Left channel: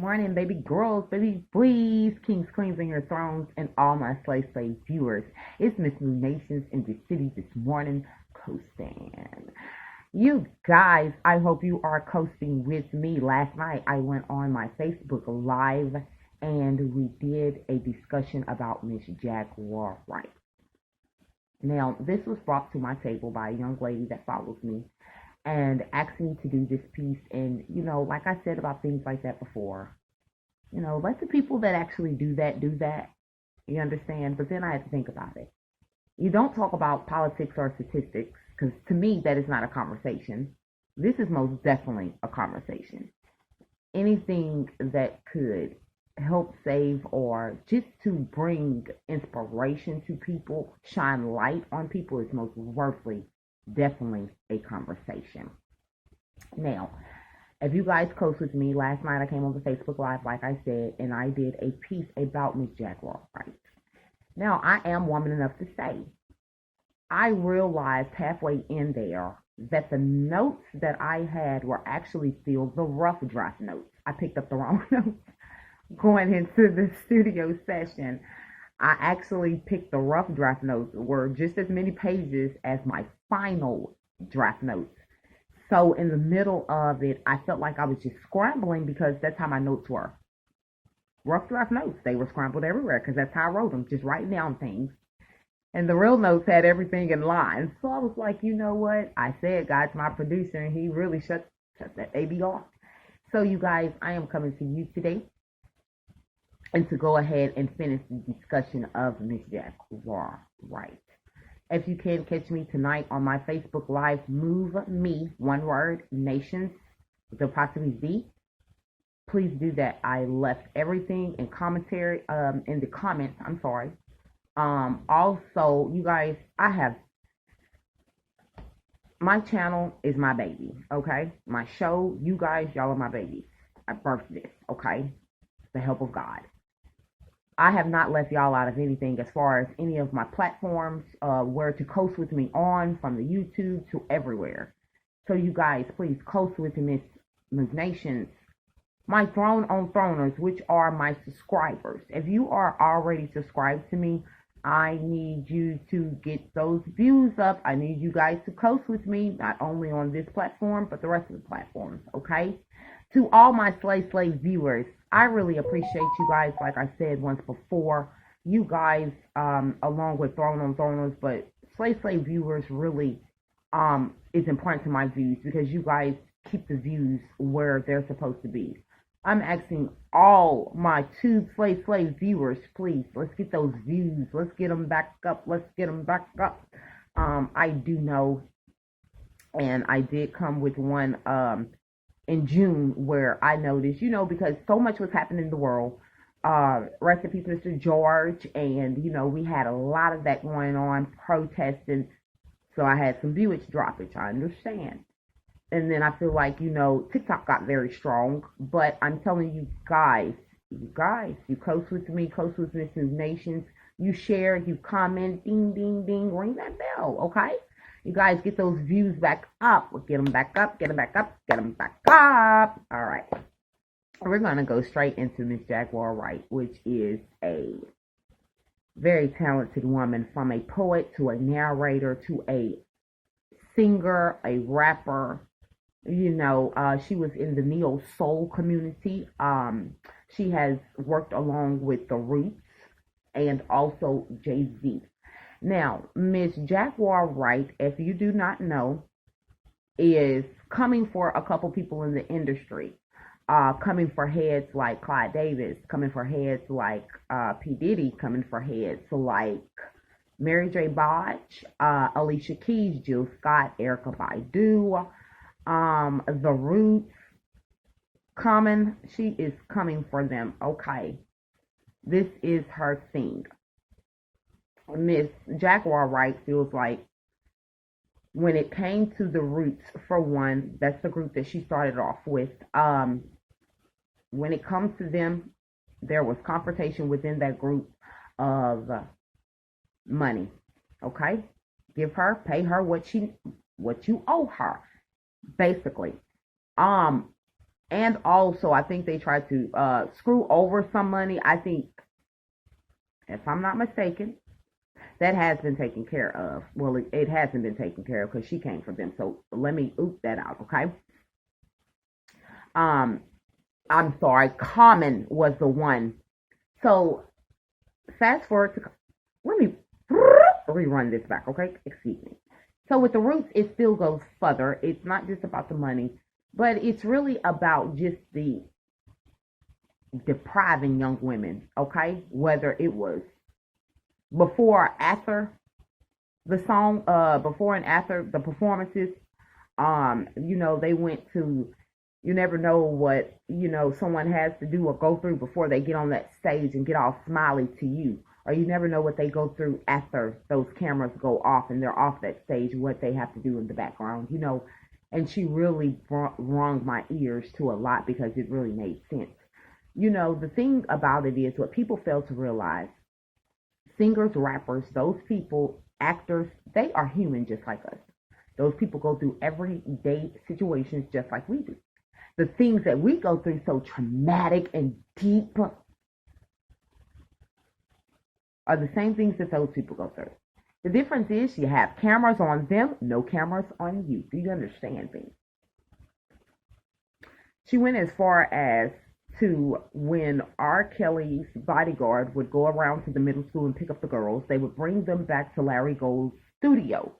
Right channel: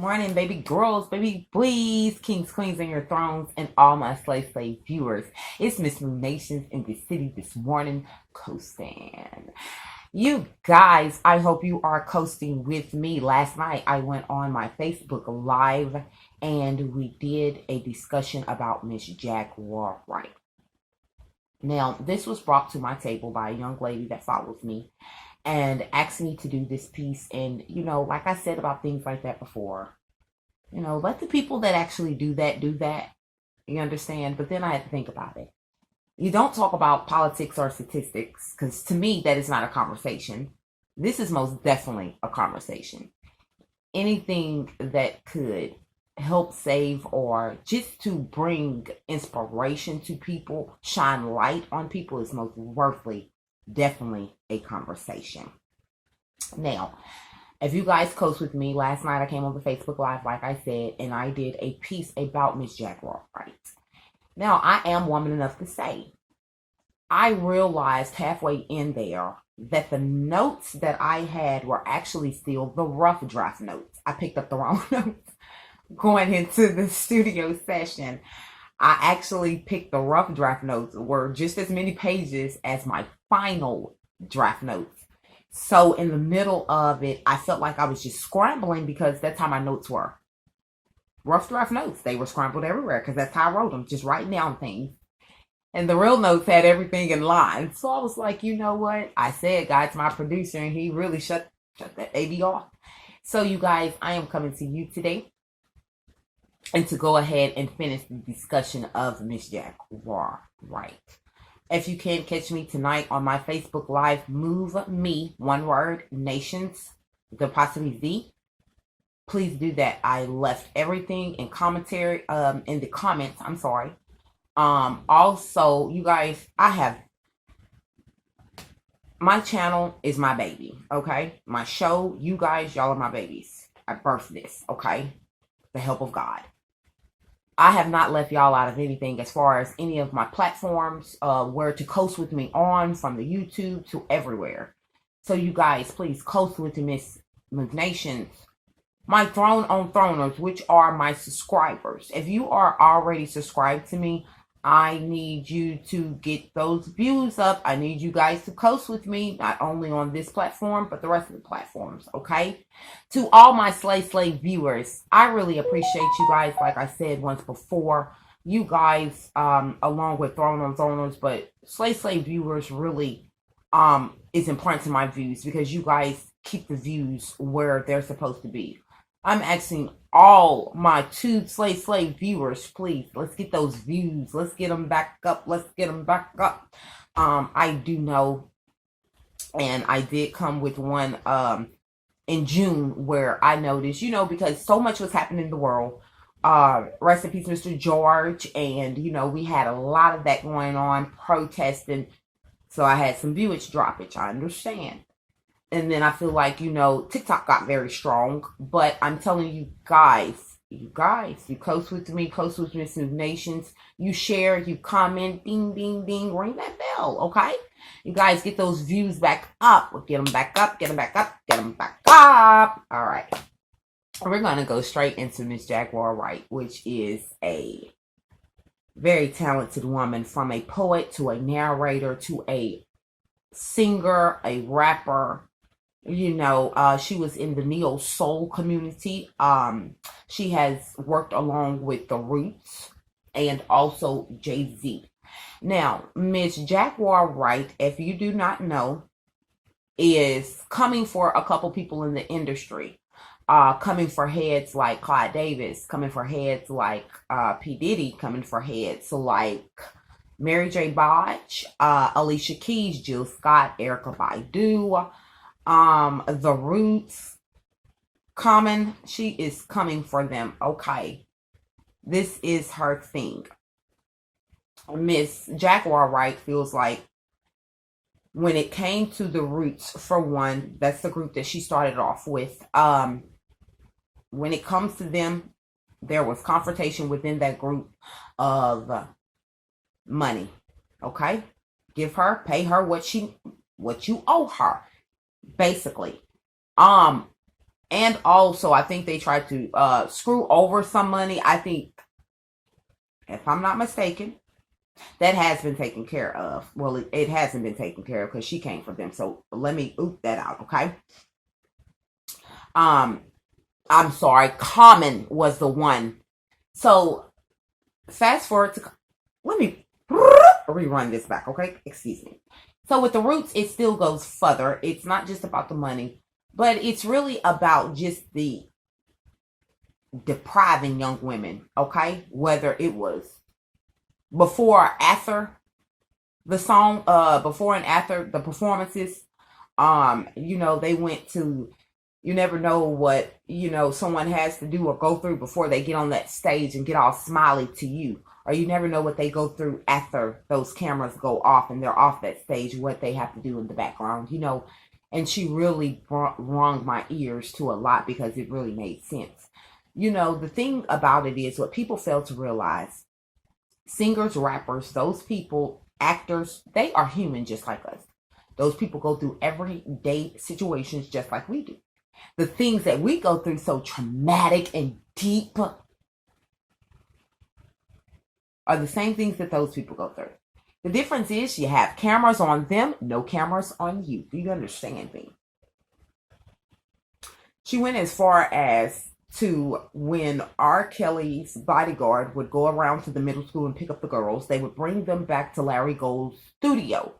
morning, baby girls, baby boys, kings, queens, and your thrones, and all my slave viewers. It's Miss Moon Nations in the city this morning, coasting. You guys, I hope you are coasting with me. Last night, I went on my Facebook Live and we did a discussion about Miss Jaguar Wright. Now, this was brought to my table by a young lady that follows me and asked me to do this piece. And, like I said about things like that before, let the people that actually do that do that. You understand? But then I had to think about it. You don't talk about politics or statistics because to me, that is not a conversation. This is most definitely a conversation. Anything that could help save or just to bring inspiration to people, shine light on people is most worthily, definitely a conversation. Now, if you guys coast with me, last night I came on the Facebook Live, like I said, and I did a piece about Miss Jaguar Wright. Now, I am woman enough to say, I realized halfway in there that the notes that I had were actually still the rough draft notes. I picked up the wrong notes going into the studio session. I actually picked the rough draft notes, were just as many pages as my final draft notes. So in the middle of it, I felt like I was just scrambling because that's how my notes were. Rough draft notes, they were scrambled everywhere because that's how I wrote them, just writing down things. And the real notes had everything in line. So I was like, you know what? I said, God's my producer, and he really shut that AB off. So you guys, I am coming to you today and to go ahead and finish the discussion of Miss Jaguar Wright. If you can catch me tonight on my Facebook Live, Move Me, one word, Nations, with apostrophe Z. Please do that. I left everything in commentary, in the comments. I'm sorry. Also, you guys, my channel is my baby, okay? My show, you guys, y'all are my babies. I birthed this, okay? The help of God. I have not left y'all out of anything as far as any of my platforms, where to coast with me on, from the YouTube to everywhere. So you guys, please coast with Miss Nations. My Throne on Throners, which are my subscribers. If you are already subscribed to me, I need you to get those views up. I need you guys to coast with me, not only on this platform, but the rest of the platforms, okay? To all my slave viewers, I really appreciate you guys. Like I said once before, you guys, along with Throne on Throners, but slave viewers really is important to my views because you guys keep the views where they're supposed to be. I'm asking all my two slave viewers, please, let's get those views. Let's get them back up. Let's get them back up. I do know, and I did come with one in June where I noticed, because so much was happening in the world. Rest in peace, Mr. George. And, we had a lot of that going on, protesting. So I had some viewage droppage. I understand. And then I feel like, TikTok got very strong. But I'm telling you guys, you coast with me, coast with Miss Nations. You share, you comment, ding, ding, ding, ring that bell, okay? You guys get those views back up. Get them back up, get them back up, get them back up. All right. We're going to go straight into Miss Jaguar Wright, which is a very talented woman, from a poet to a narrator to a singer, a rapper. She was in the neo soul community. She has worked along with the Roots and also Jay-Z. Now, Miss Jaguar Wright, if you do not know, is coming for a couple people in the industry. Coming for heads like Clyde Davis, coming for heads like P. Diddy, coming for heads like Mary J. Blige, Alicia Keys, Jill Scott, Erykah Badu, the Roots. She is coming for them, okay? This is her thing. Miss Jaguar Wright feels like when it came to the Roots, for one, that's the group that she started off with. When it comes to them, there was confrontation within that group of money. Okay? Pay her what you owe her, basically. And also, I think they tried to screw over some money. I think, if I'm not mistaken, that has been taken care of. Well, it hasn't been taken care of because she came for them. So let me oop that out, okay? Um, I'm sorry. Common was the one. So fast forward to, let me rerun this back, okay? Excuse me. So with the Roots, it still goes further. It's not just about the money, but it's really about just the depriving young women, okay? Whether it was before or after the song, before and after the performances, they went to, you never know what, someone has to do or go through before they get on that stage and get all smiley to you. Or you never know what they go through after those cameras go off and they're off that stage, what they have to do in the background, And she really wrung my ears to a lot because it really made sense. The thing about it is what people fail to realize, singers, rappers, those people, actors, they are human just like us. Those people go through everyday situations just like we do. The things that we go through so traumatic and deep are the same things that those people go through. The difference is you have cameras on them, no cameras on you. Do you understand me? She went as far as to when R. Kelly's bodyguard would go around to the middle school and pick up the girls, they would bring them back to Larry Gold's studio,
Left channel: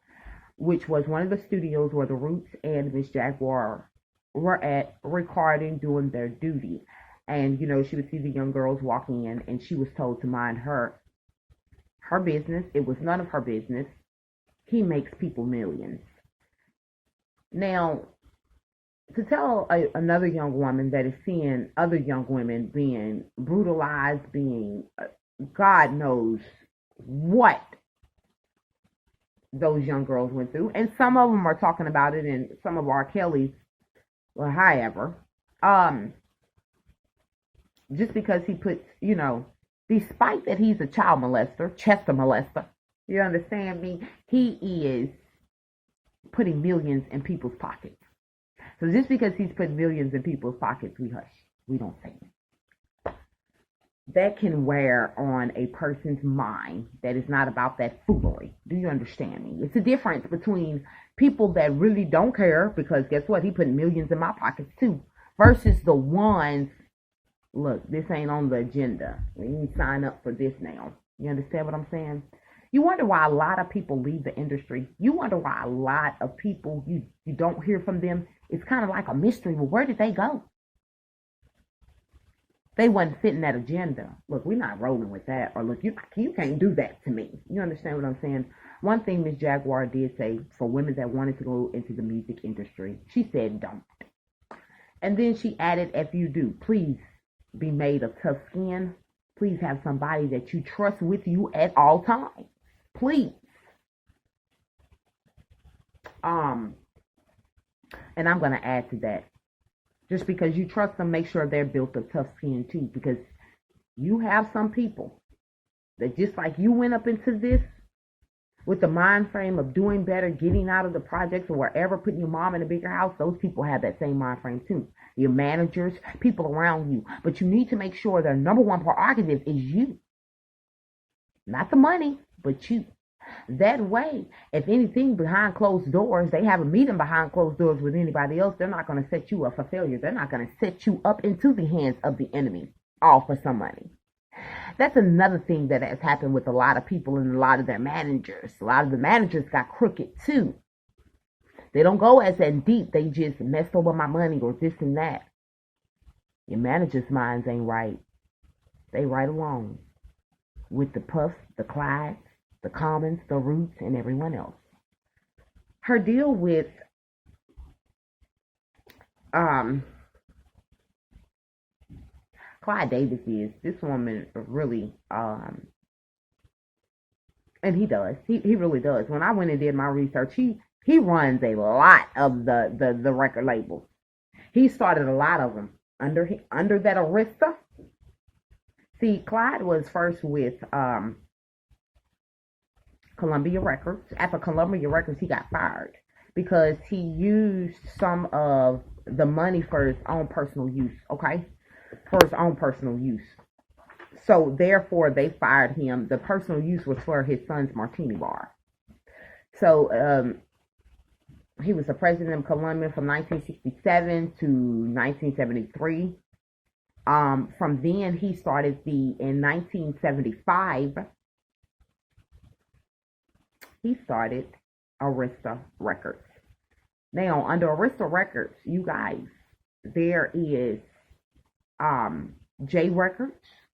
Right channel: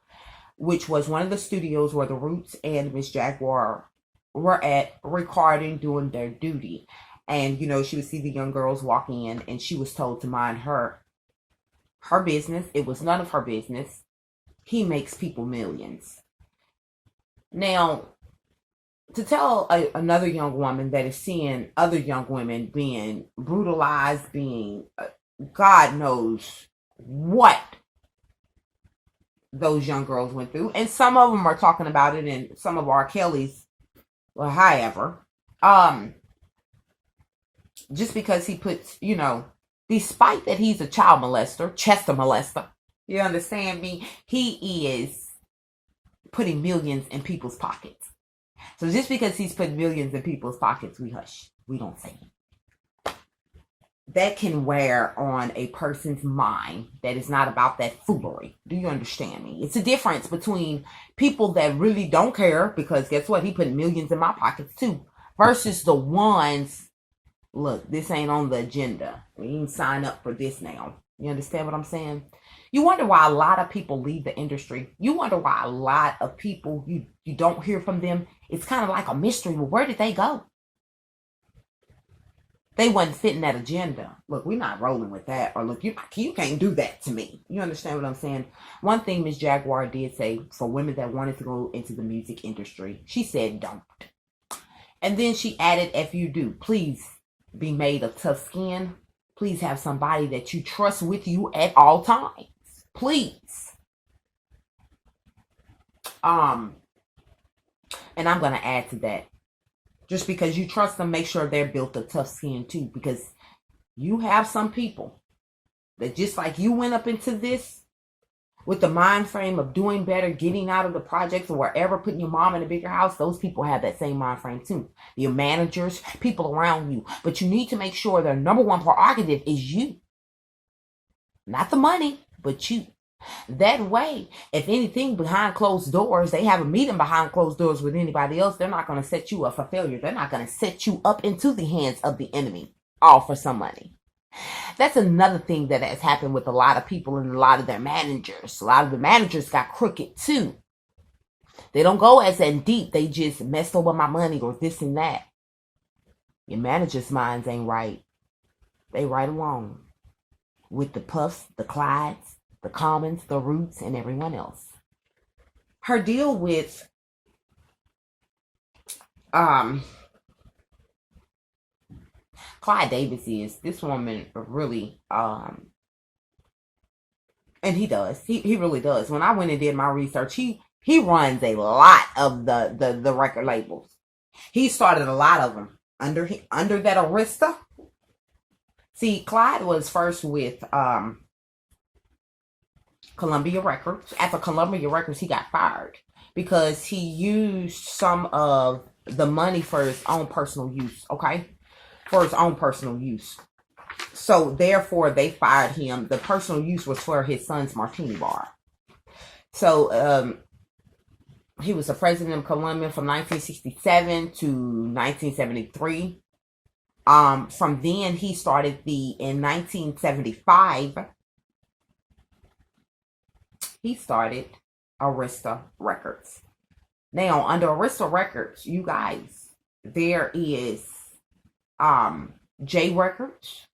which was one of the studios where the Roots and Miss Jaguar were at recording, doing their duty. And, she would see the young girls walking in and she was told to mind her business. It was none of her business. He makes people millions. Now, to tell another young woman that is seeing other young women being brutalized, being, God knows what those young girls went through. And some of them are talking about it in some of R. Kelly's, well, however, just because he puts, despite that he's a child molester, Chester molester, you understand me? He is putting millions in people's pockets. So just because he's putting millions in people's pockets, we hush. We don't say it. That can wear on a person's mind that is not about that foolery. Do you understand me? It's a difference between people that really don't care, because guess what? He put millions in my pockets too, versus the ones, look, this ain't on the agenda. We ain't sign up for this now. You understand what I'm saying? You wonder why a lot of people leave the industry. You wonder why a lot of people, you don't hear from them. It's kind of like a mystery. Well, where did they go? They wasn't fitting that agenda. Look, we're not rolling with that. Or look, you can't do that to me. You understand what I'm saying? One thing Miss Jaguar did say for women that wanted to go into the music industry, she said don't. And then she added, if you do, please be made of tough skin. Please have somebody that you trust with you at all times. Please. And I'm going to add to that. Just because you trust them, make sure they're built of tough skin too. Because you have some people that just like you went up into this with the mind frame of doing better, getting out of the projects or wherever, putting your mom in a bigger house. Those people have that same mind frame too. Your managers, people around you. But you need to make sure their number one prerogative is you. Not the money, but you. That way, if anything behind closed doors, they have a meeting behind closed doors with anybody else, they're not going to set you up for failure. They're not going to set you up into the hands of the enemy, all for some money. That's another thing that has happened with a lot of people and a lot of their managers. A lot of the managers got crooked too. They don't go as in deep. They just messed over my money or this and that. Your manager's minds ain't right. They right along with the Puffs, the Clydes, the Commons, the Roots, and everyone else. Her deal with Clyde Davis is, this woman really, and he does. He really does. When I went and did my research, he runs a lot of the record labels. He started a lot of them under that Arista. See, Clyde was first with Columbia Records. After Columbia Records, he got fired because he used some of the money for his own personal use, okay? For his own personal use. So therefore they fired him. The personal use was for his son's martini bar. So he was the president of Colombia from 1967 to 1973. From then he started in 1975, he started Arista Records. Now, under Arista Records, you guys, there is J Records,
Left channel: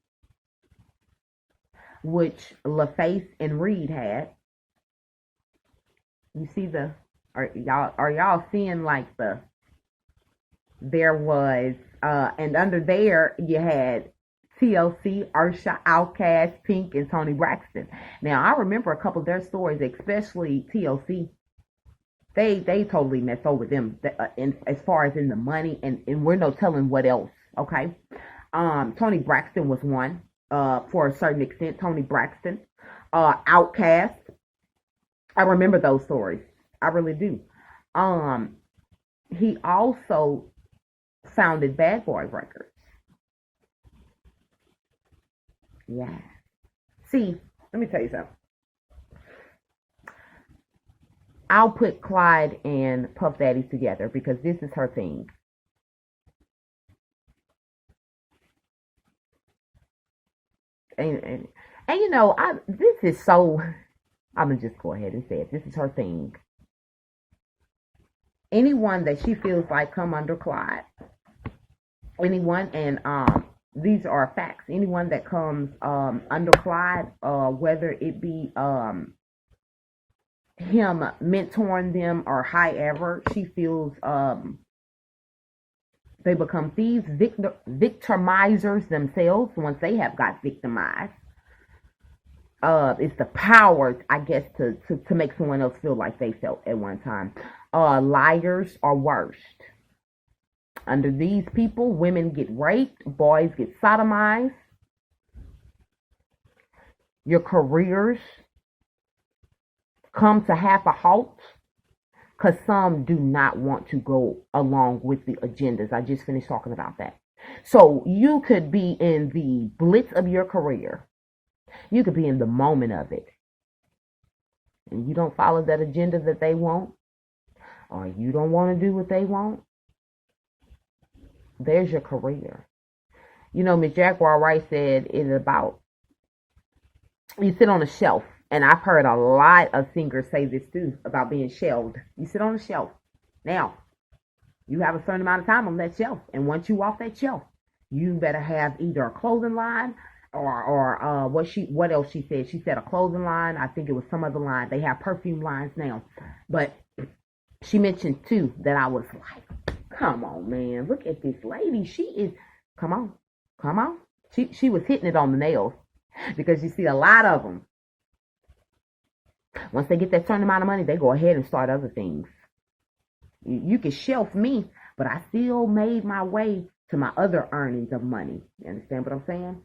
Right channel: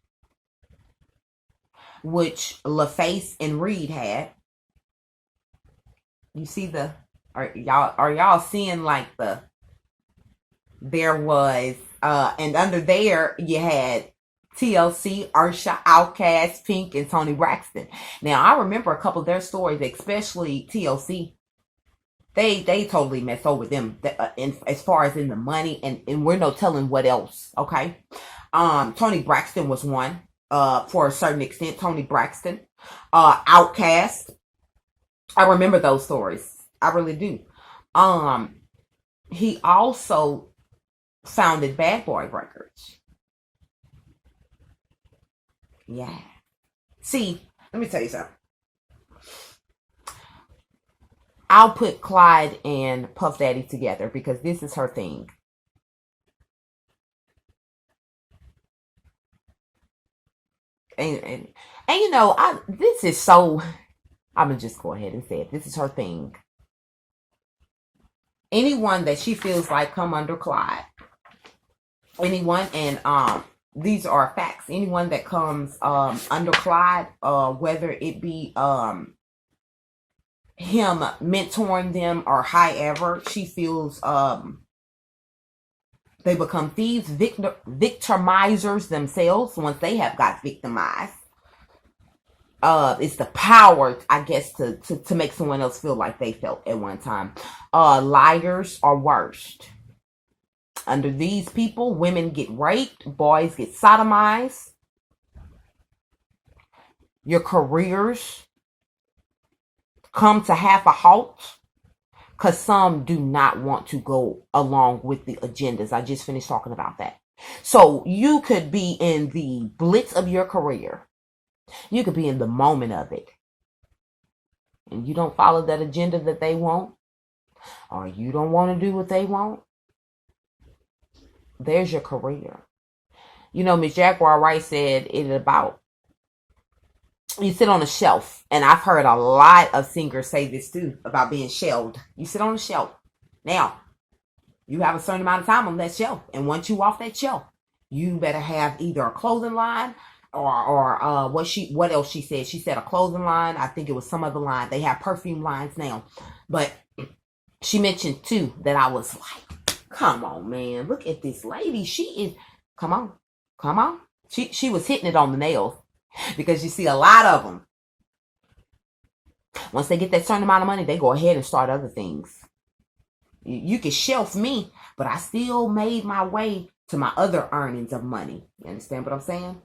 which LaFace and Reed had. You see are y'all seeing like there was and under there you had TLC, Ursha, Outkast, Pink, and Tony Braxton. Now I remember a couple of their stories, especially TLC. They totally messed over them as far as in the money, and we're no telling what else. Okay, Tony Braxton was one for a certain extent. Tony Braxton, Outkast. I remember those stories. I really do. He also founded Bad Boy Records. Yeah. See, let me tell you something. I'll put Clyde and Puff Daddy together because this is her thing. And you know, this is so, I'm gonna just go ahead and say it. This is her thing. Anyone that she feels like come under Clyde, anyone, and these are facts. Anyone that comes under Clyde, whether it be him mentoring them or however, she feels they become thieves, victimizers themselves once they have got victimized. It's the power, I guess, to make someone else feel like they felt at one time. Liars are worst. Under these people, women get raped, boys get sodomized. Your careers come to half a halt because some do not want to go along with the agendas. I just finished talking about that. So you could be in the blitz of your career. You could be in the moment of it. And you don't follow that agenda that they want, or you don't want to do what they want. There's your career. You know, Miss Jaguar Wright said it about, you sit on a shelf. And I've heard a lot of singers say this too, about being shelved. You sit on a shelf. Now, you have a certain amount of time on that shelf. And once you off that shelf, you better have either a clothing line or what else she said. She said a clothing line. I think it was some other line. They have perfume lines now. But she mentioned too that I was like, come on, man. Look at this lady. She is, come on. She was hitting it on the nails. Because you see a lot of them, once they get that certain amount of money, they go ahead and start other things. You can shelf me, but I still made my way to my other earnings of money. You understand what I'm saying?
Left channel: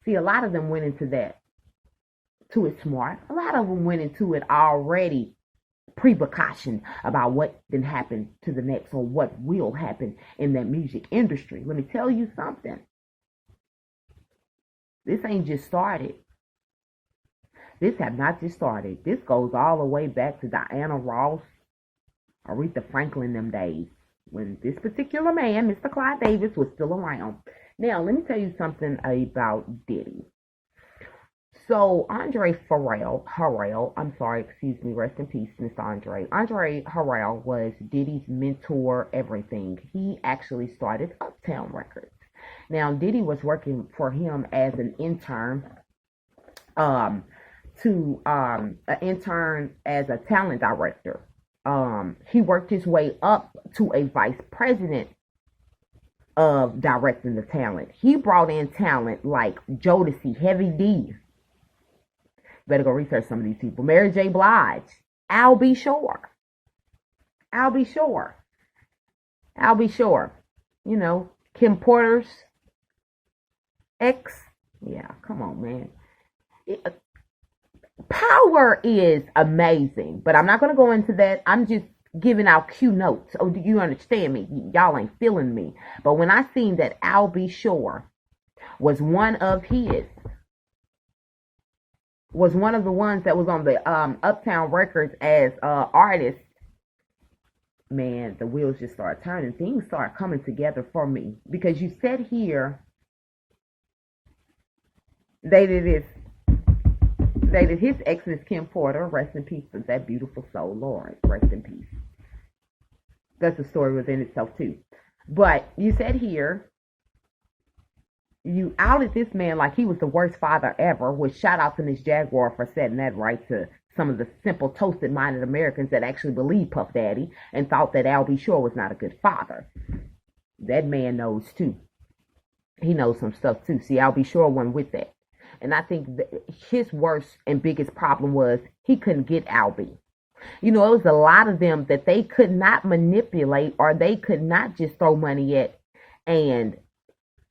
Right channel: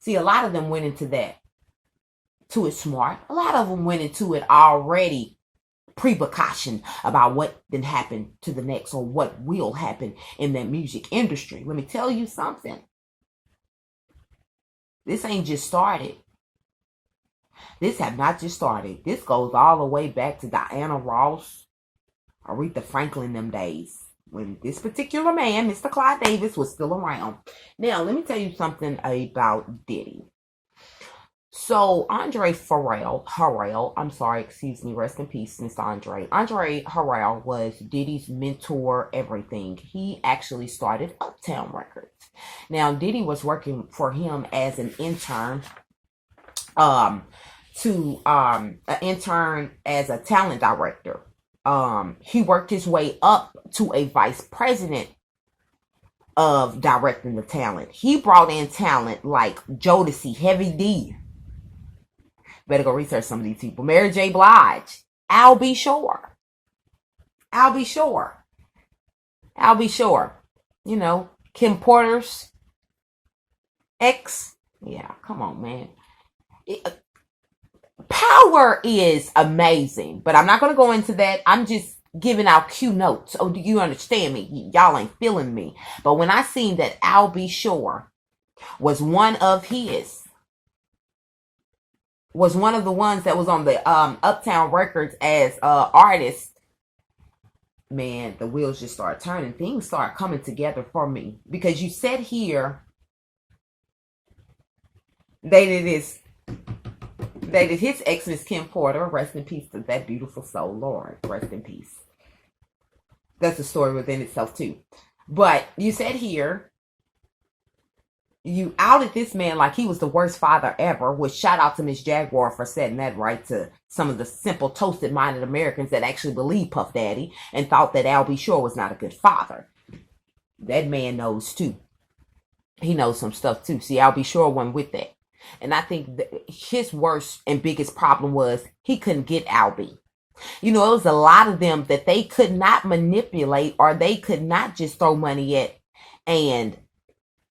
See, a lot of them went into that to it smart. A lot of them went into it already pre-precaution about what then happened to the next or what will happen in that music industry. Let me tell you something. This ain't just started. This have not just started. This goes all the way back to Diana Ross, Aretha Franklin, them days when this particular man, Mr. Clyde Davis, was still around. Now, let me tell you something about Diddy. So, Andre Harrell, I'm sorry, excuse me, rest in peace, Mr. Andre. Andre Harrell was Diddy's mentor, everything. He actually started Uptown Records. Now, Diddy was working for him as an intern, an intern as a talent director. He worked his way up to a vice president of directing the talent. He brought in talent like Jodeci, Heavy D. Better go research some of these people. Mary J. Blige, Al B. Shore. You know, Kim Porter's ex. Yeah, come on, man. Power is amazing, but I'm not going to go into that. I'm just giving out Q notes. Oh, do you understand me? Y'all ain't feeling me. But when I seen that Al B. Shore was one of the ones that was on the Uptown Records as artist, man, the wheels just started turning. Things start coming together for me. Because you said here, dated his ex, Miss Kim Porter. Rest in peace to that beautiful soul. Lord, rest in peace. That's a story within itself too. But you said here, you outed this man like he was the worst father ever, which shout out to Miss Jaguar for setting that right to some of the simple, toasted-minded Americans that actually believed Puff Daddy and thought that Al B. Shore was not a good father. That man knows too. He knows some stuff too. See, Al B. Shore went with that. And I think that his worst and biggest problem was he couldn't get Al B. You know, it was a lot of them that they could not manipulate, or they could not just throw money at and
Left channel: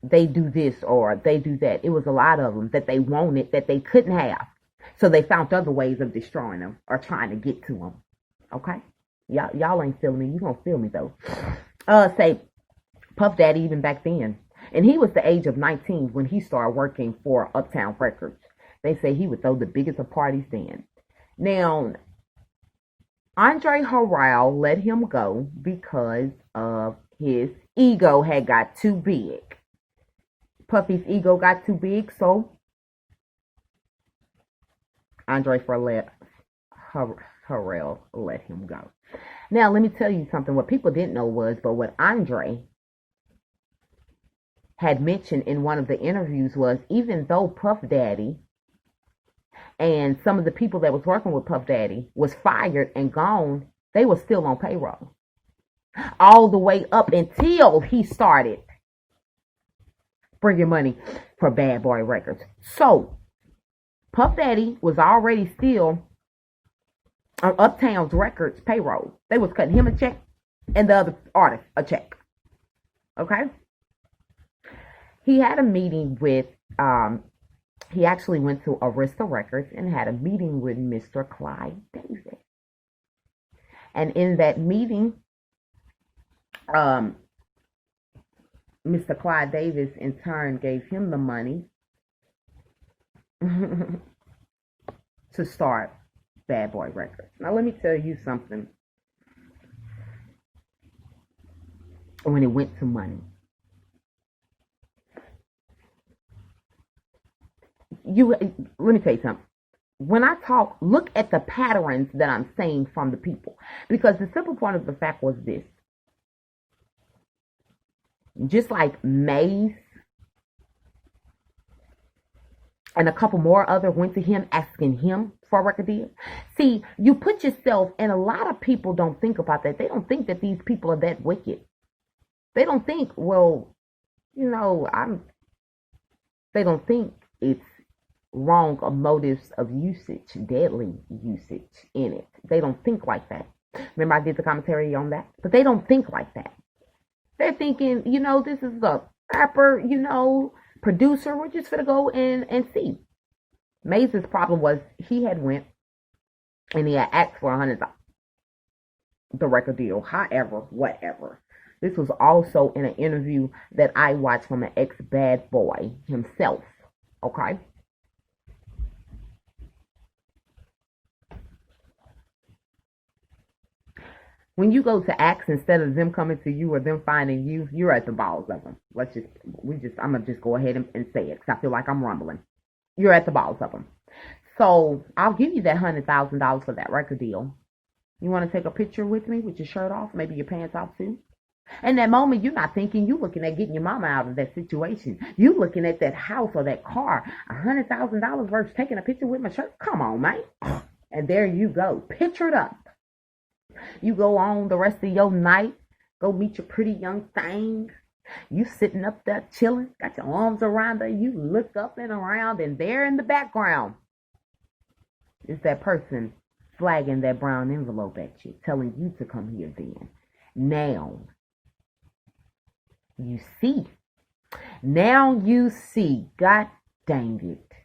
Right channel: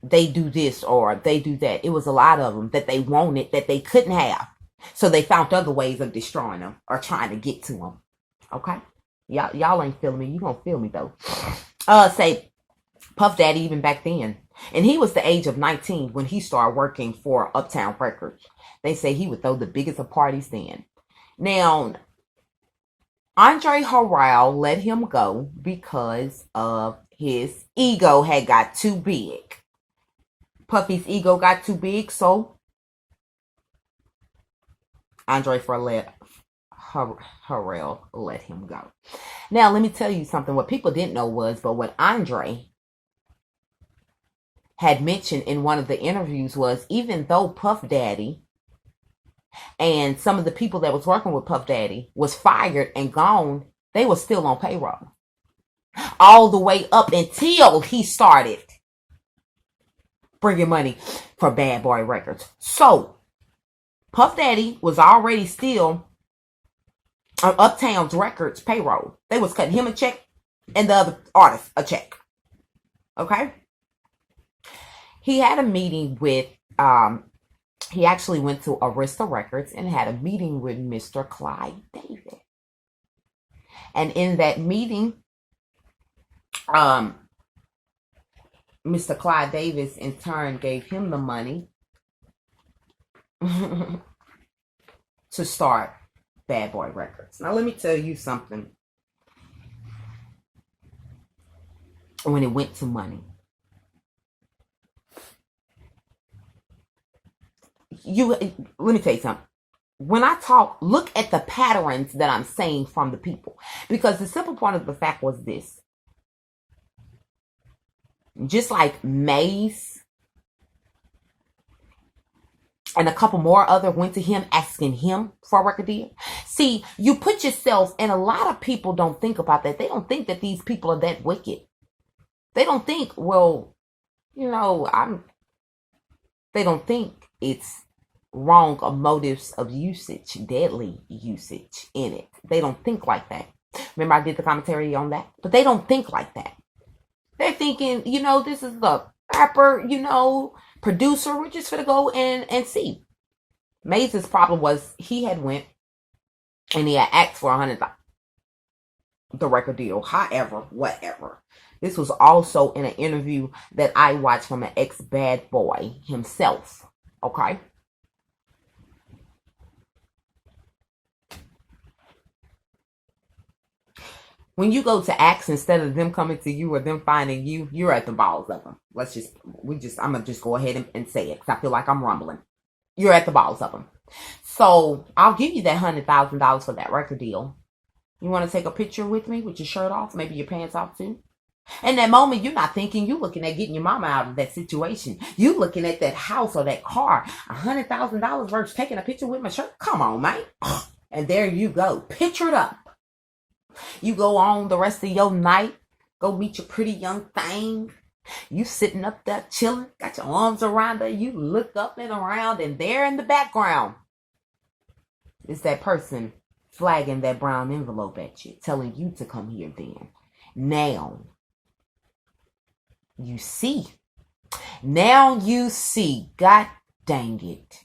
they do this or they do that. It was a lot of them that they wanted that they couldn't have. So they found other ways of destroying them or trying to get to them. Okay? Y'all ain't feeling me. You gonna feel me though. Say Puff Daddy even back then. And he was the age of 19 when he started working for Uptown Records. They say he would throw the biggest of parties then. Now, Andre Harrell let him go because of his ego had got too big. Puffy's ego got too big, so Andre Harrell let him go. Now, let me tell you something. What people didn't know was, but what Andre had mentioned in one of the interviews was, even though Puff Daddy and some of the people that was working with Puff Daddy was fired and gone, they were still on payroll. All the way up until he started bringing money for Bad Boy Records. So, Puff Daddy was already still on Uptown's Records payroll. They was cutting him a check and the other artists a check. Okay? He had a meeting with, he actually went to Arista Records and had a meeting with Mr. Clyde Davis. And in that meeting, Mr. Clyde Davis in turn gave him the money to start Bad Boy Records. Now, let me tell you something. When it went to money, let me tell you something. When I talk, look at the patterns that I'm saying from the people. Because the simple point of the fact was this. Just like Maze and a couple more other went to him asking him for a record deal. See, you put yourself, and a lot of people don't think about that. They don't think that these people are that wicked. They don't think, well, you know, they don't think it's wrong or motives of usage, deadly usage in it. They don't think like that. Remember I did the commentary on that? But they don't think like that. They're thinking, you know, this is the rapper, you know, producer. We're just going to go and see. Maze's problem was he had went and he had asked for $100,000 the record deal. However, whatever. This was also in an interview that I watched from an ex-bad boy himself. Okay? When you go to acts, instead of them coming to you or them finding you, you're at the balls of them. I'm going to just go ahead and say it because I feel like I'm rumbling. You're at the balls of them. So I'll give you that $100,000 for that record deal. You want to take a picture with me with your shirt off, maybe your pants off too? In that moment, you're not thinking, you're looking at getting your mama out of that situation. You looking at that house or that car, $100,000 versus taking a picture with my shirt. Come on, man. And there you go. Picture it up. You go on the rest of your night, go meet your pretty young thing. You sitting up there chilling, got your arms around her. You look up and around, and there in the background is that person flagging that brown envelope at you, telling you to come here then. Now you see. Now you see. God dang it.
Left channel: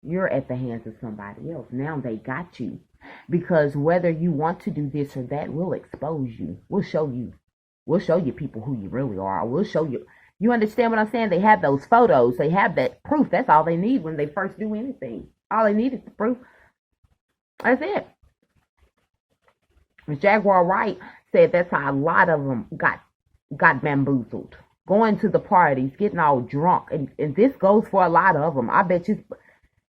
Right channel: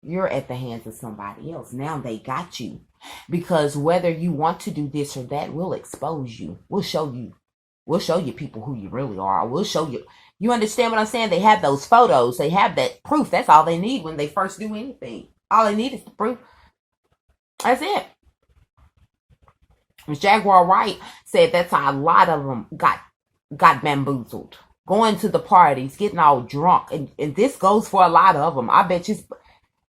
You're at the hands of somebody else. Now they got you. Because whether you want to do this or that, we'll expose you. We'll show you. We'll show you people who you really are. We'll show you. You understand what I'm saying? They have those photos. They have that proof. That's all they need when they first do anything. All they need is the proof. That's it. Jaguar Wright said that's how a lot of them got bamboozled. Going to the parties, getting all drunk. And this goes for a lot of them. I bet you,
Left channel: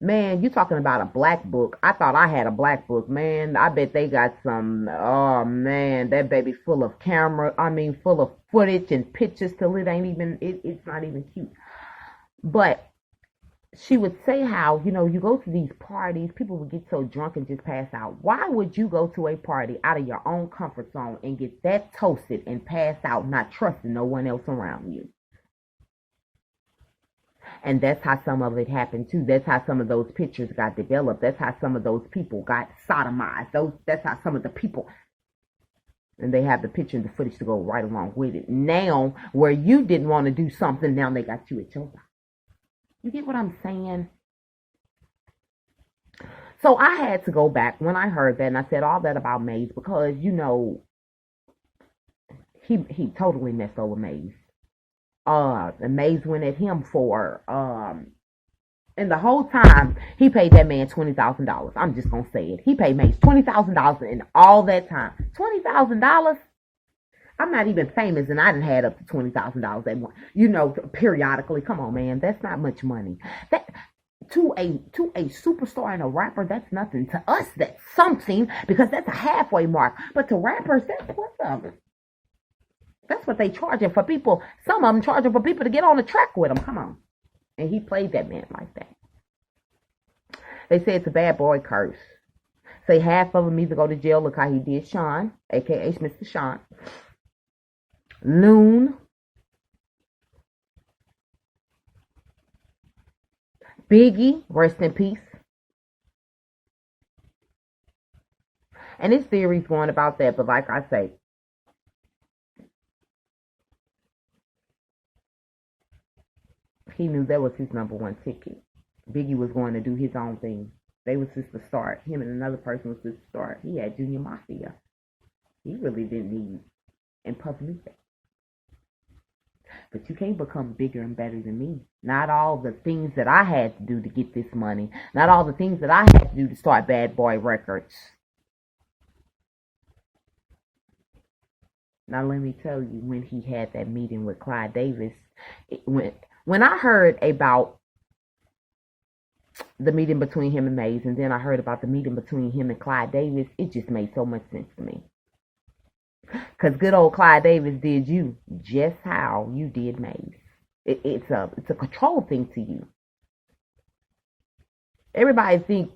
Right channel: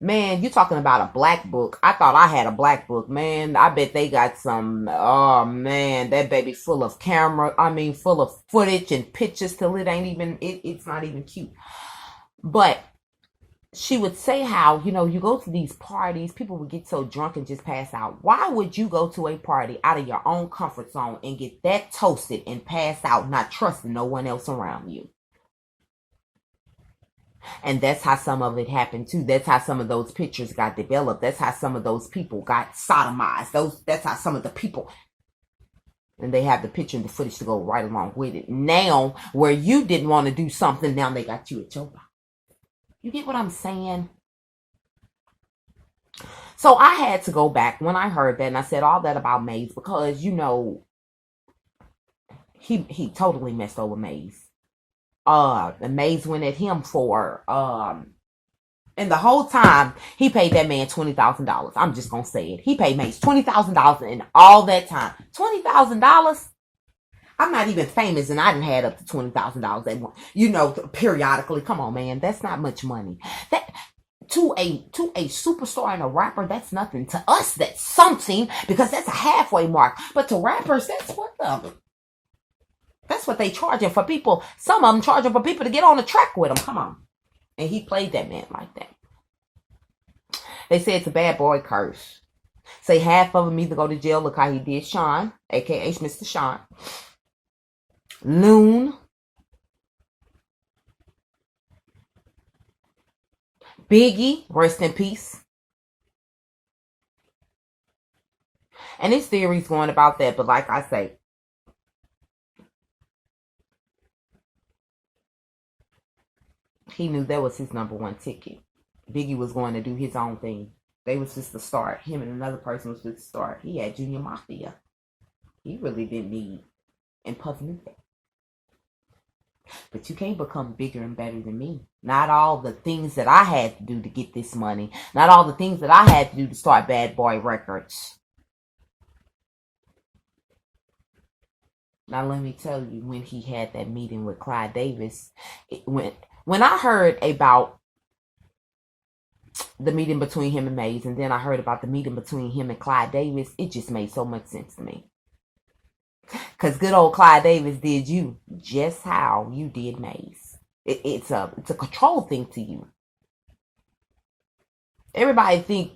man, you talking about a black book. I thought I had a black book, man. I bet they got some, oh man, that baby full of full of footage and pictures till it ain't even, it's not even cute. But she would say how, you go to these parties, people would get so drunk and just pass out. Why would you go to a party out of your own comfort zone and get that toasted and pass out, not trusting no one else around you? And that's how some of it happened too. That's how some of those pictures got developed. That's how some of those people got sodomized. That's how some of the people, and they have the picture and the footage to go right along with it. Now, where you didn't want to do something, now they got you at your box. You get what I'm saying? So I had to go back when I heard that, and I said all that about Maze because, he totally messed over Maze. And Maze went at him for, and the whole time, he paid that man $20,000. I'm just going to say it. He paid Maze $20,000 in all that time. $20,000? I'm not even famous, and I didn't had up to $20,000 at one, periodically. Come on, man, that's not much money. That to a superstar and a rapper, that's nothing. To us, that's something because that's a halfway mark. But to rappers, that's what they charging for people. Some of them charging for people to get on the track with them. Come on, and he played that man like that. They say it's a bad boy curse. Say half of them either go to jail. Look how he did Sean, aka Mr. Sean. Loon, Biggie, rest in peace. And his theories going about that, but like I say, he knew that was his number one ticket. Biggie was going to do his own thing. They was just the start. Him and another person was just the start. He had Junior Mafia. He really didn't need, and Puff knew that. But you can't become bigger and better than me. Not all the things that I had to do to get this money. Not all the things that I had to do to start Bad Boy Records. Now let me tell you, when he had that meeting with Clyde Davis, when I heard about the meeting between him and Maze, and then I heard about the meeting between him and Clyde Davis, it just made so much sense to me. Because good old Clyde Davis did you just how you did Maze. It's a control thing to you. Everybody think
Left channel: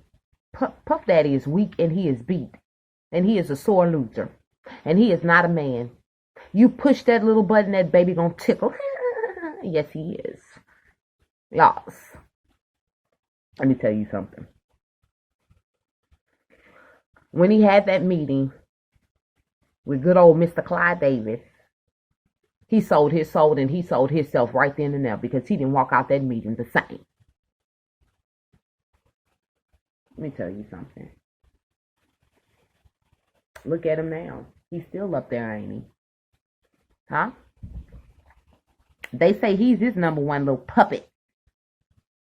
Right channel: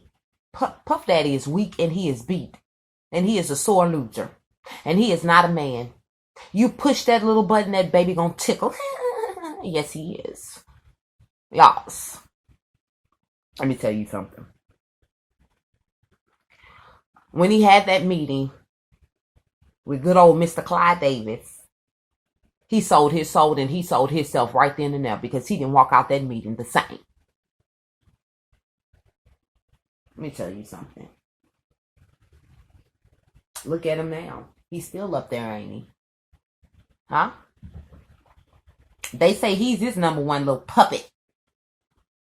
Puff Daddy is weak and he is beat. And he is a sore loser. And he is not a man. You push that little button, that baby gonna tickle. Yes, he is. Yes. Let me tell you something. When he had that meeting with good old Mr. Clyde Davis, he sold his soul and he sold himself right then and there because he didn't walk out that meeting the same. Let me tell you something. Look at him now. He's still up there, ain't he? Huh? They say he's his number one little puppet.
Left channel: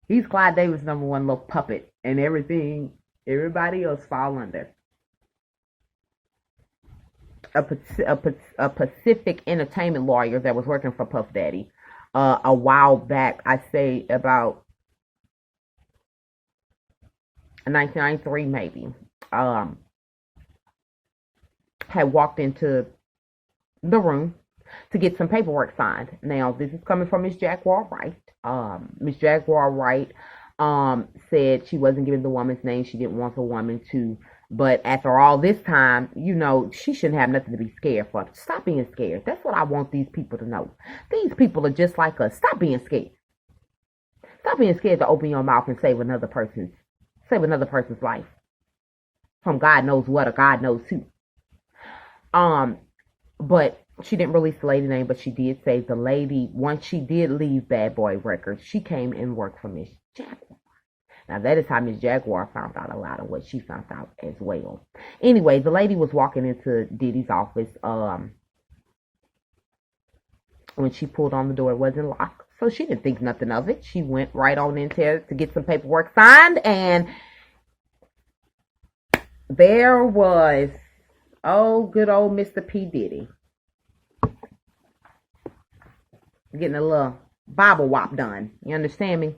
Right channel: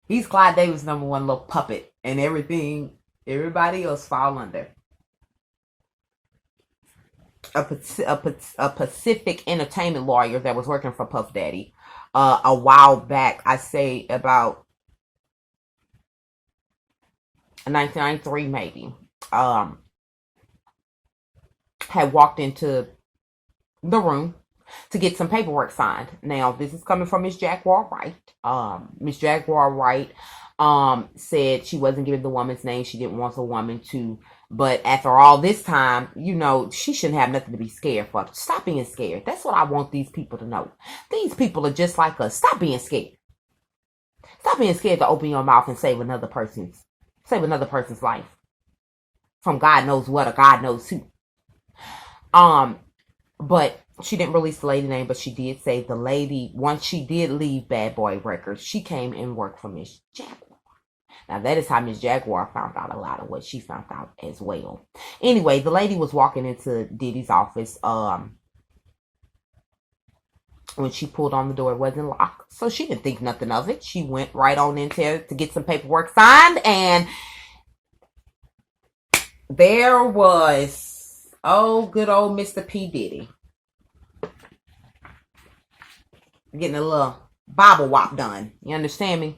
He's Clyde Davis' number one little puppet. And everybody else fall under. A Pacific entertainment lawyer that was working for Puff Daddy a while back, I say about 1993 maybe, had walked into the room to get some paperwork signed. Now, this is coming from Miss Jaguar Wright. Miss Jaguar Wright said she wasn't giving the woman's name. She didn't want the woman to. But after all this time, she shouldn't have nothing to be scared for. Stop being scared. That's what I want these people to know. These people are just like us. Stop being scared. Stop being scared to open your mouth and save another person's life from God knows what or God knows who. But she didn't release the lady name, but she did say the lady, once she did leave Bad Boy Records, she came and worked for Miss Jaguar. Now, that is how Miss Jaguar found out a lot of what she found out as well. Anyway, the lady was walking into Diddy's office. When she pulled on the door, it wasn't locked. So she didn't think nothing of it. She went right on in there to get some paperwork signed. And there was, oh, good old Mr. P. Diddy. Getting a little bobble wop done. You understand me?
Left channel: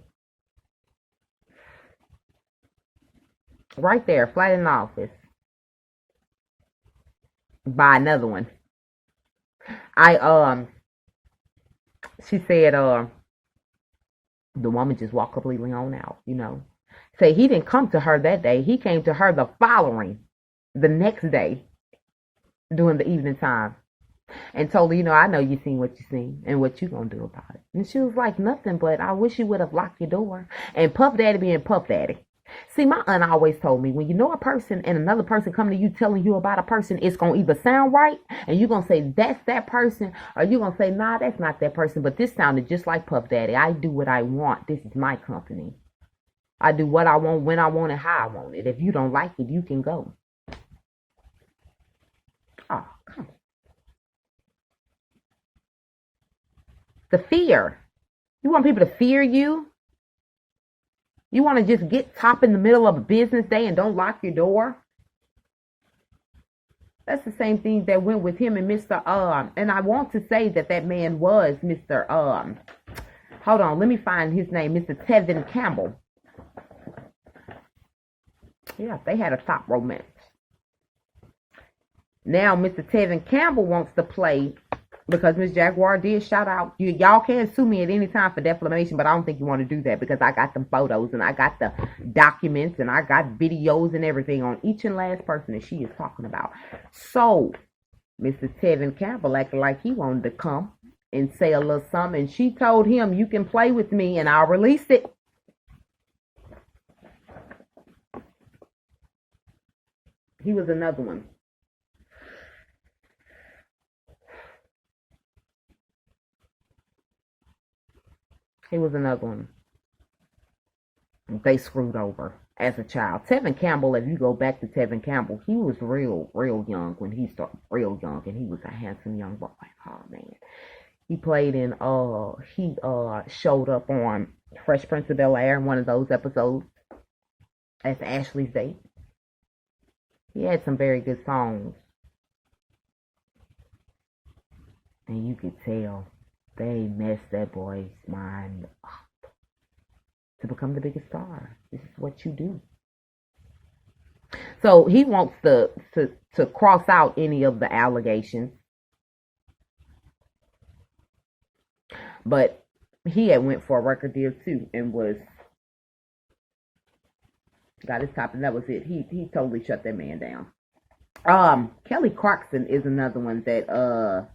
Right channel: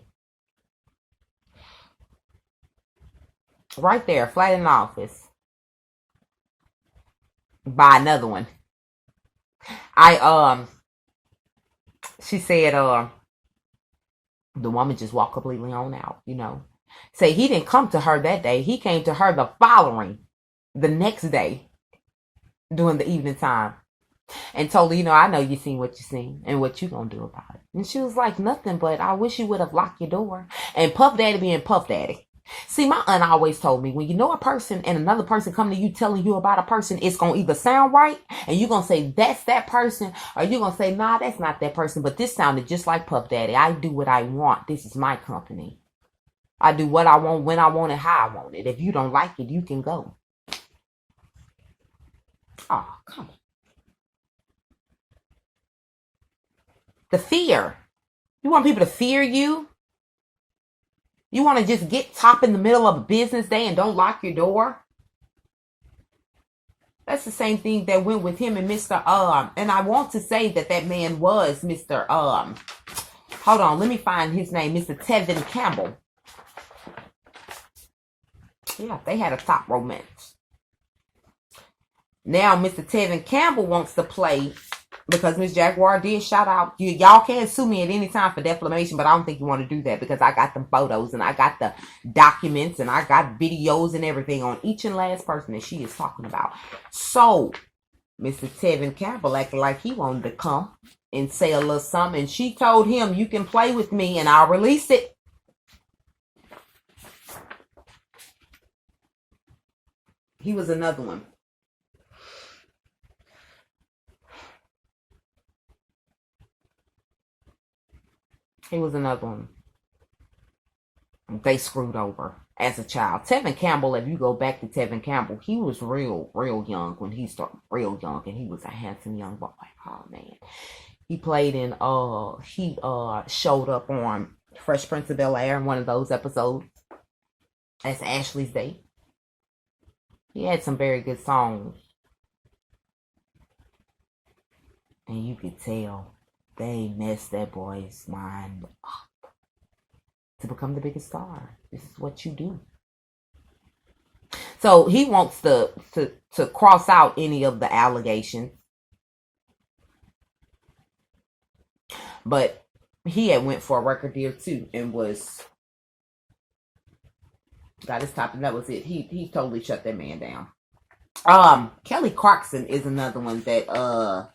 Right there, flat in the office. Buy another one. She said, the woman just walked completely on out, you know. Say he didn't come to her that day. He came to her the next day, during the evening time. And told her, you know, I know you seen what you seen and what you gonna do about it. And she was like, nothing, but I wish you would have locked your door. And Puff Daddy being Puff Daddy. See, my aunt always told me, when you know a person and another person come to you telling you about a person, it's going to either sound right and you're going to say, that's that person, or you're going to say, nah, that's not that person. But this sounded just like Puff Daddy. I do what I want. This is my company. I do what I want, when I want it, how I want it. If you don't like it, you can go. Oh, come on. The fear. You want people to fear you? You want to just get top in the middle of a business day and don't lock your door? That's the same thing that went with him and Mr. And I want to say that man was Mr. Hold on, let me find his name. Mr. Tevin Campbell. Yeah, they had a top romance. Now Mr. Tevin Campbell wants to play, because Miss Jaguar did shout out. Y'all can sue me at any time for defamation, but I don't think you want to do that, because I got them photos and I got the documents and I got videos and everything on each and last person that she is talking about. So Mr. Tevin Campbell acted like he wanted to come and say a little something, and she told him, you can play with me and I'll release it. He was another one. He was another one they screwed over as a child. Tevin Campbell, if you go back to Tevin Campbell, he was real young when he started, real young, and he was a handsome young boy. Oh man. He played in he showed up on Fresh Prince of Bel-Air in one of those episodes as Ashley's date. He had some very good songs. And you could tell they messed that boy's mind up to become the biggest star. This is what you do. So he wants to cross out any of the allegations. But he had went for a record deal too and got his top, and that was it. He totally shut that man down. Kelly Clarkson is another one that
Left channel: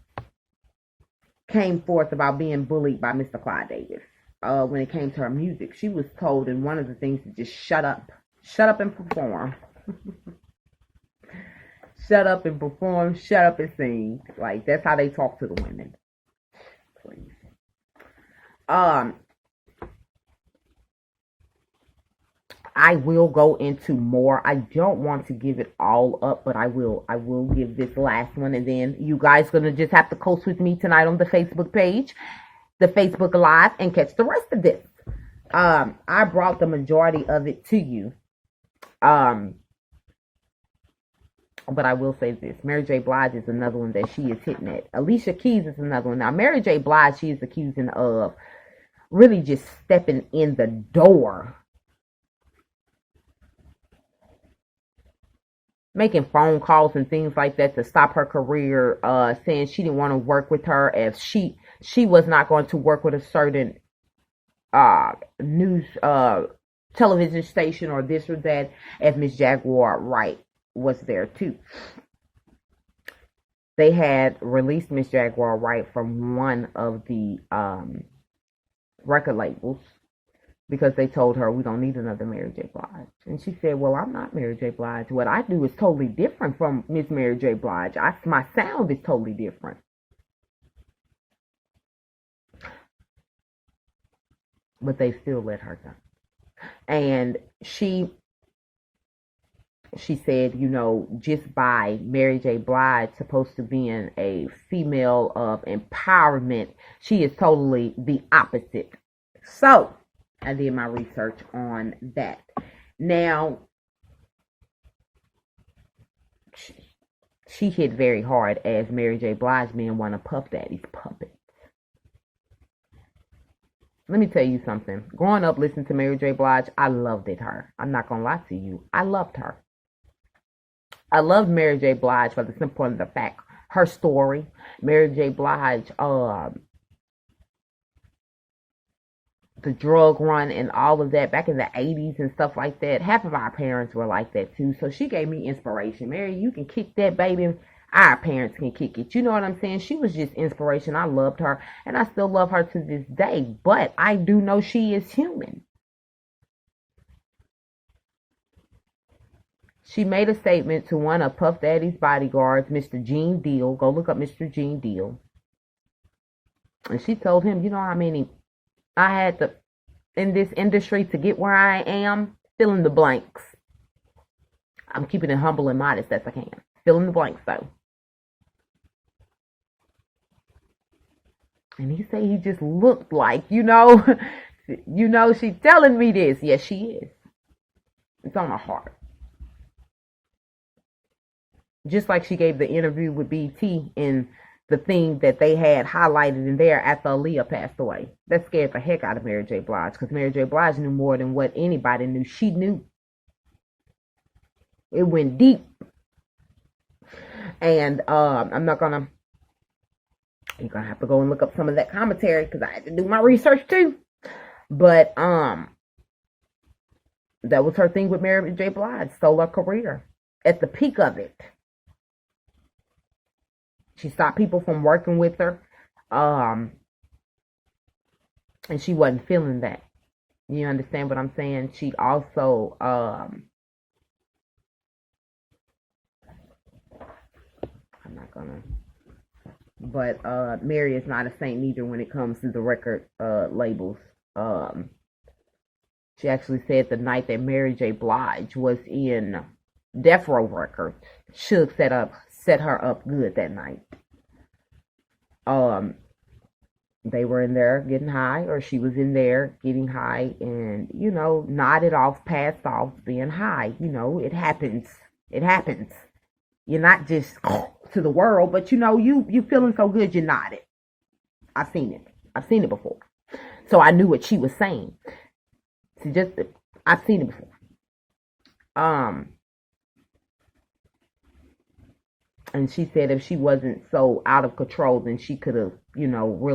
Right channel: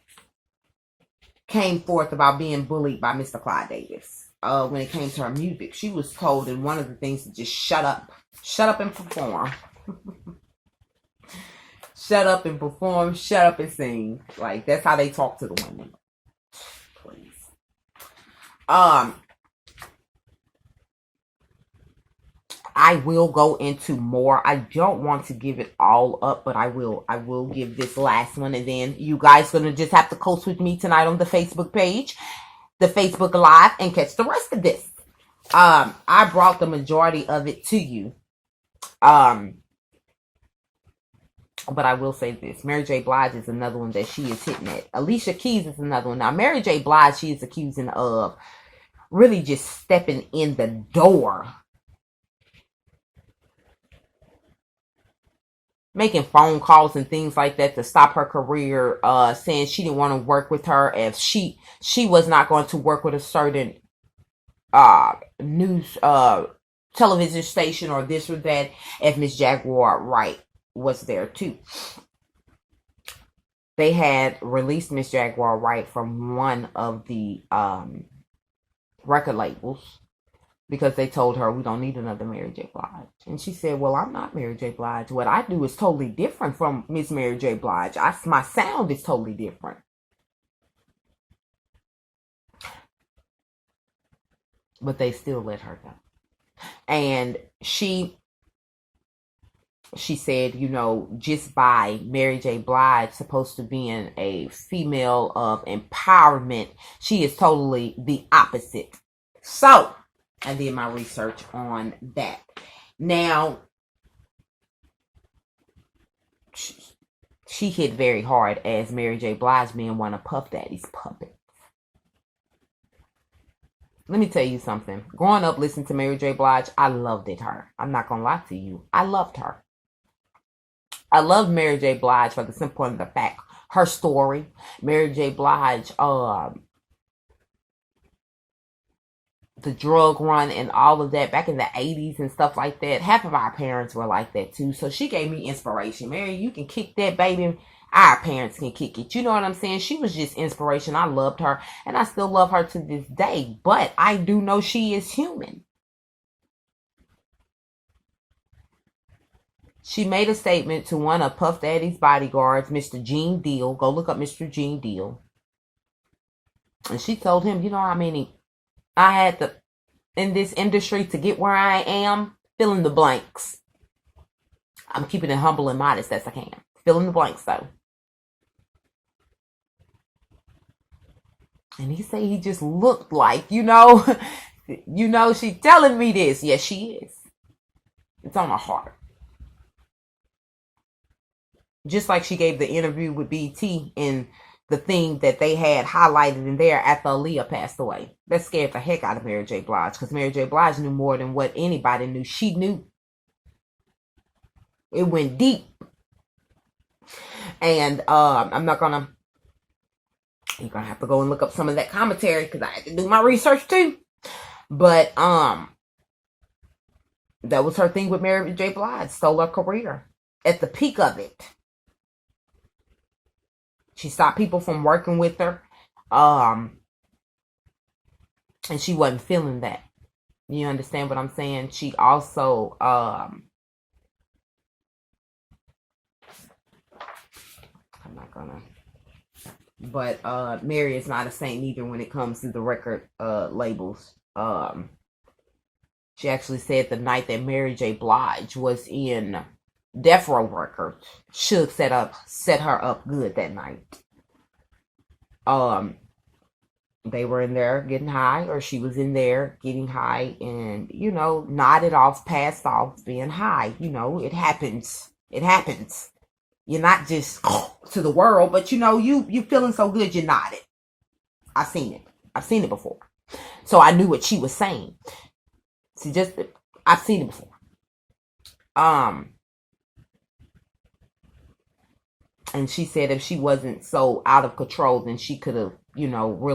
came forth about being bullied by Mr. Clyde Davis. When it came to her music, she was told in one of the things to just shut up and perform. Shut up and perform, shut up and sing. Like, that's how they talk to the women. Please. I will go into more. I don't want to give it all up, but I will give this last one, and then you guys gonna just have to coast with me tonight on the Facebook page, the Facebook Live, and catch the rest of this. I brought the majority of it to you. But I will say this. Mary J. Blige is another one that she is hitting at. Alicia Keys is another one. Now, Mary J. Blige, she is accusing of really just stepping in the door, making phone calls and things like that to stop her career, saying she didn't want to work with her if she was not going to work with a certain news television station or this or that, if Miss Jaguar Wright was there too. They had released Miss Jaguar Wright from one of the record labels because they told her, we don't need another Mary J. Blige. And she said, well, I'm not Mary J. Blige. What I do is totally different from Miss Mary J. Blige. My sound is totally different. But they still let her go. And she said, you know, just by Mary J. Blige supposed to being a female of empowerment, she is totally the opposite. So I did my research on that. Now, she hit very hard as Mary J. Blige being one of Puff Daddy's puppets. Let me tell you something. Growing up listening to Mary J. Blige, I loved her. I'm not going to lie to you. I loved her. I loved Mary J. Blige for the simple point of the fact, her story. Mary J. Blige, the drug run and all of that back in the 80s and stuff like that. Half of our parents were like that too. So she gave me inspiration. Mary, you can kick that, baby. Our parents can kick it. You know what I'm saying? She was just inspiration. I loved her and I still love her to this day. But I do know she is human. She made a statement to one of Puff Daddy's bodyguards, Mr. Gene Deal. Go look up Mr. Gene Deal. And she told him, you know how many I had to in this industry to get where I am? Fill in the blanks. I'm keeping it humble and modest as I can. Fill in the blanks though. And he said he just looked like, you know, she telling me this. Yes, she is. It's on her heart. Just like she gave the interview with BT in the thing that they had highlighted in there after Aaliyah passed away. That scared the heck out of Mary J. Blige because Mary J. Blige knew more than what anybody knew. She knew. It went deep. And I'm not going to, you're going to have to go and look up some of that commentary because I had to do my research too. But that was her thing with Mary J. Blige. Stole her career at the peak of it. She stopped people from working with her. And she wasn't feeling that. You understand what I'm saying? She also, I'm not gonna, but Mary is not a saint either when it comes to the record labels. She actually said the night that Mary J. Blige was in Death Row Records, Suge set her up good that night. They were in there getting high, or she was in there getting high, and you know, nodded off, passed off, being high. You know, it happens. It happens. You're not just to the world, but you know, you feeling so good, you nodded. I've seen it. I've seen it before, so I knew what she was saying. See, I've seen it before. And she said if she wasn't so out of control, then she could have, you know, really